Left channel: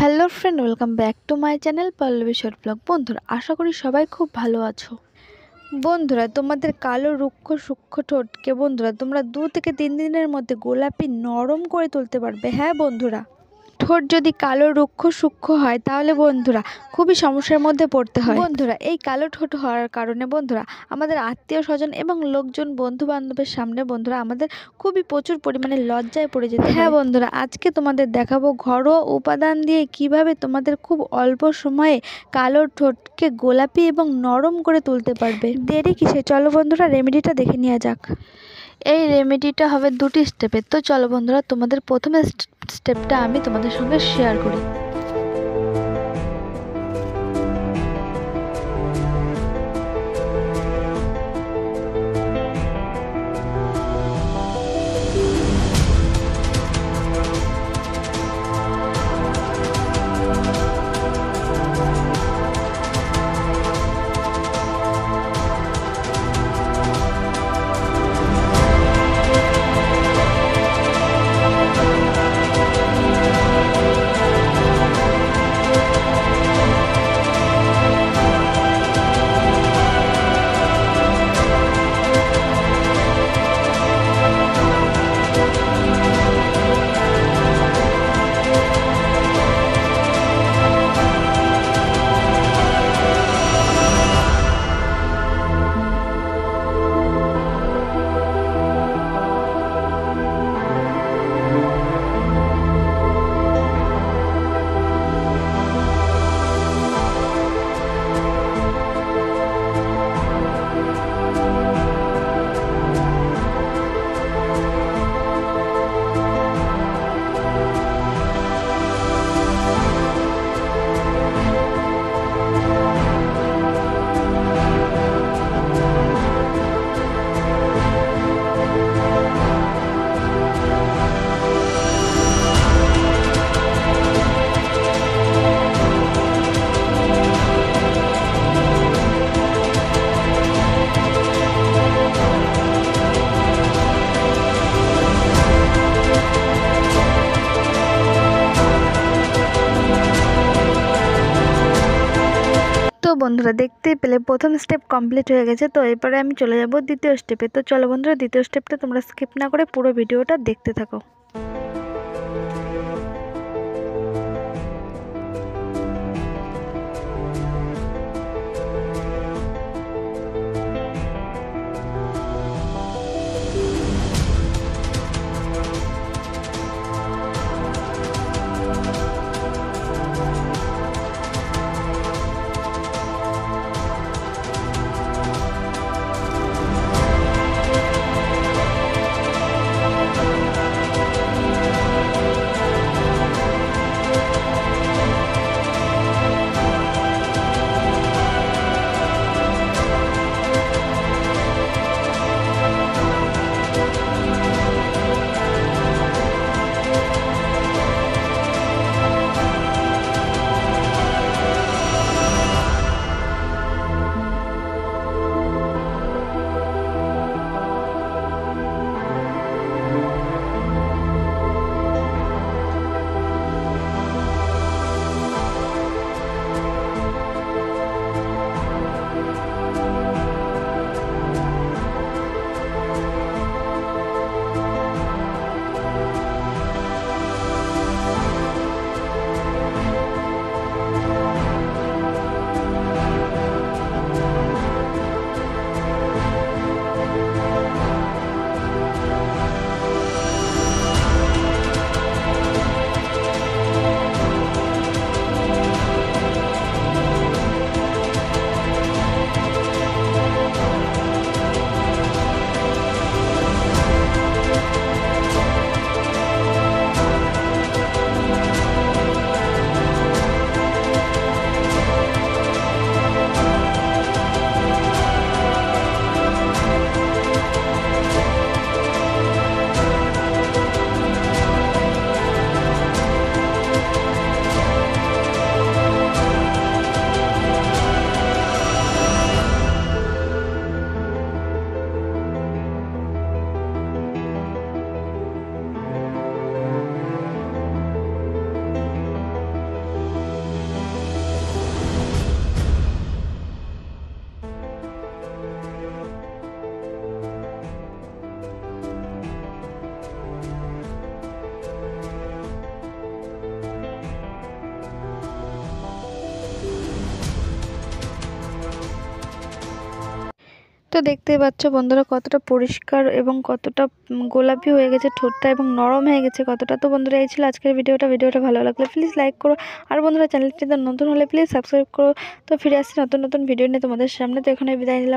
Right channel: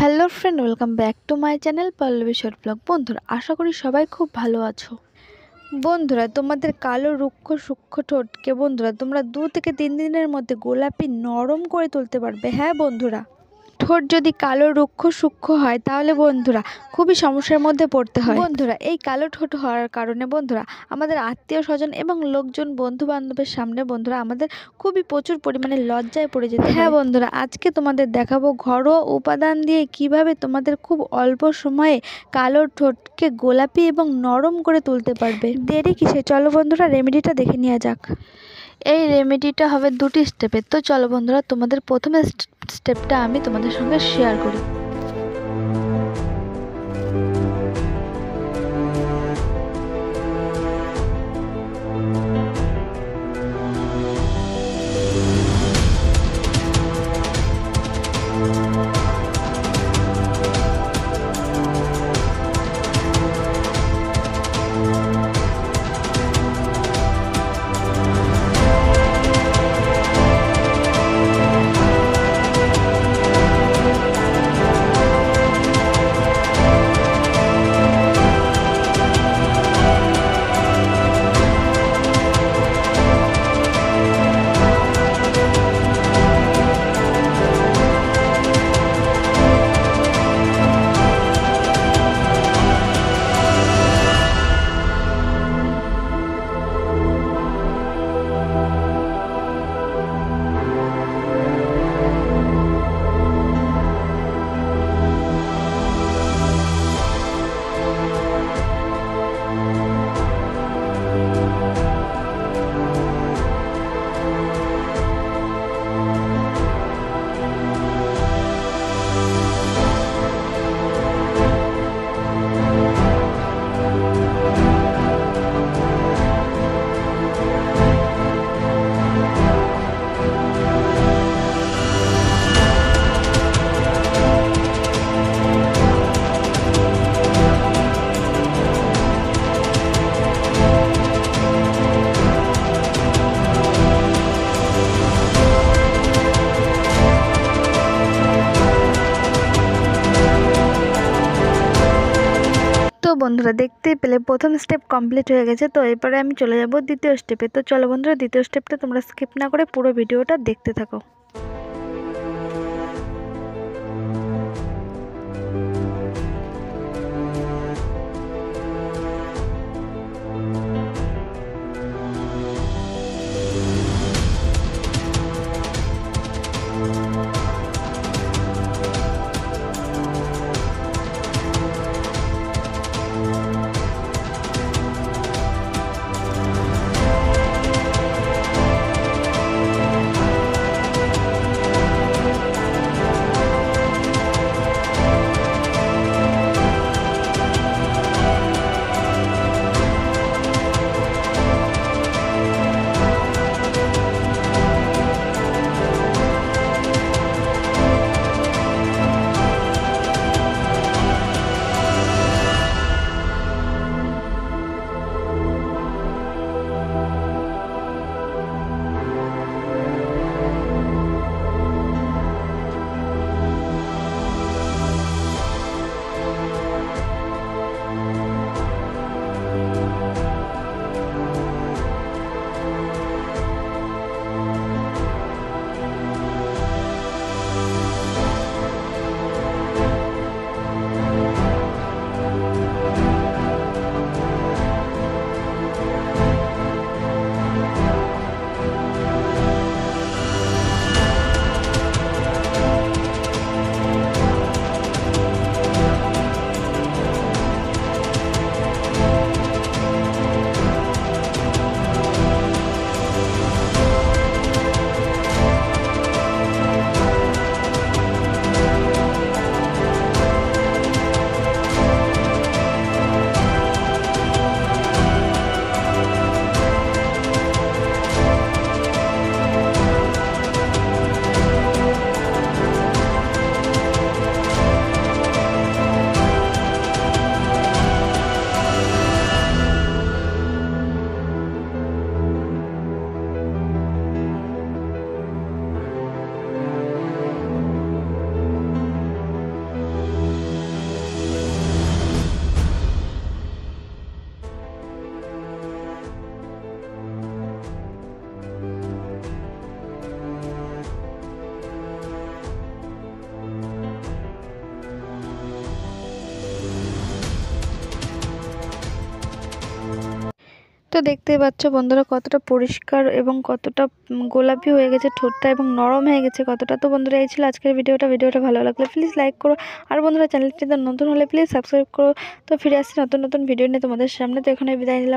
Hello friend, welcome back to my channel Pallavi short blog. বন্ধুরা, আশা করি সবাই খুব ভালো আছো। বন্ধুরা, তোমাদের কালো রুক্ষ সূক্ষ্ম ঠোঁটকে বন্ধুরা তোমরা 2 থেকে 3 দিনের মধ্যে গোলাপি নরম করে তুলতে পারবে। হ্যাঁ বন্ধুরা, ঠোঁট যদি কালো রুক্ষ সূক্ষ্ম হয় তাহলে বন্ধুরা খুবই সমস্যার মধ্যে পড়তে হয়। বন্ধুরা, এই কালো ঠোঁট হওয়ার কারণে বন্ধুরা আমাদের আত্মীয় স্বজন এবং লোকজন বন্ধু বান্ধবের সামনে বন্ধুরা আমাদের খুবই প্রচুর পরিমাণে লজ্জায় পড়ে যেতে হয়। হ্যাঁ বন্ধুরা, আজকে তোমাদের দেখাবো ঘরোয়া উপাদান দিয়ে কিভাবে তোমাদের খুব অল্প সময়ে কালো ঠোঁটকে গোলাপি এবং নরম করে তুলতে পারবে। দেরি কিসে, চলো বন্ধুরা রেমেডিটা দেখে নেওয়া যাক। এই রেমেডিটা হবে 2টি স্টেপের। তো চলো বন্ধুরা, তোমাদের প্রথম স্টেপটা আমি তোমাদের সঙ্গে শেয়ার করি। তো বন্ধুরা, দেখতেই পেলে প্রথম স্টেপ কমপ্লিট হয়ে গেছে। তো এরপরে আমি চলে যাব দ্বিতীয় স্টেপে। তো চলো বন্ধুরা, দ্বিতীয় স্টেপটা তোমরা স্কিপ না করে পুরো ভিডিওটা দেখতে থাকো। তো দেখতেই পাচ্ছ বন্ধুরা কতটা পরিষ্কার এবং কতটা গোলাপি হয়ে গেছে ঠোঁটটা এবং নরম হয়ে গেছে কতটা। তো বন্ধুরা এই ছিল আজকের ভিডিওটা ভালো লাগলে প্লিজ লাইক করো, আর বন্ধুরা চ্যানেলটিতে নতুন হলে প্লিজ সাবস্ক্রাইব করো। তো ফিরে আসছি নতুন নতুন ভিডিও নিয়ে তোমাদের সামনে। তো এখানে বিদায় নিলাম।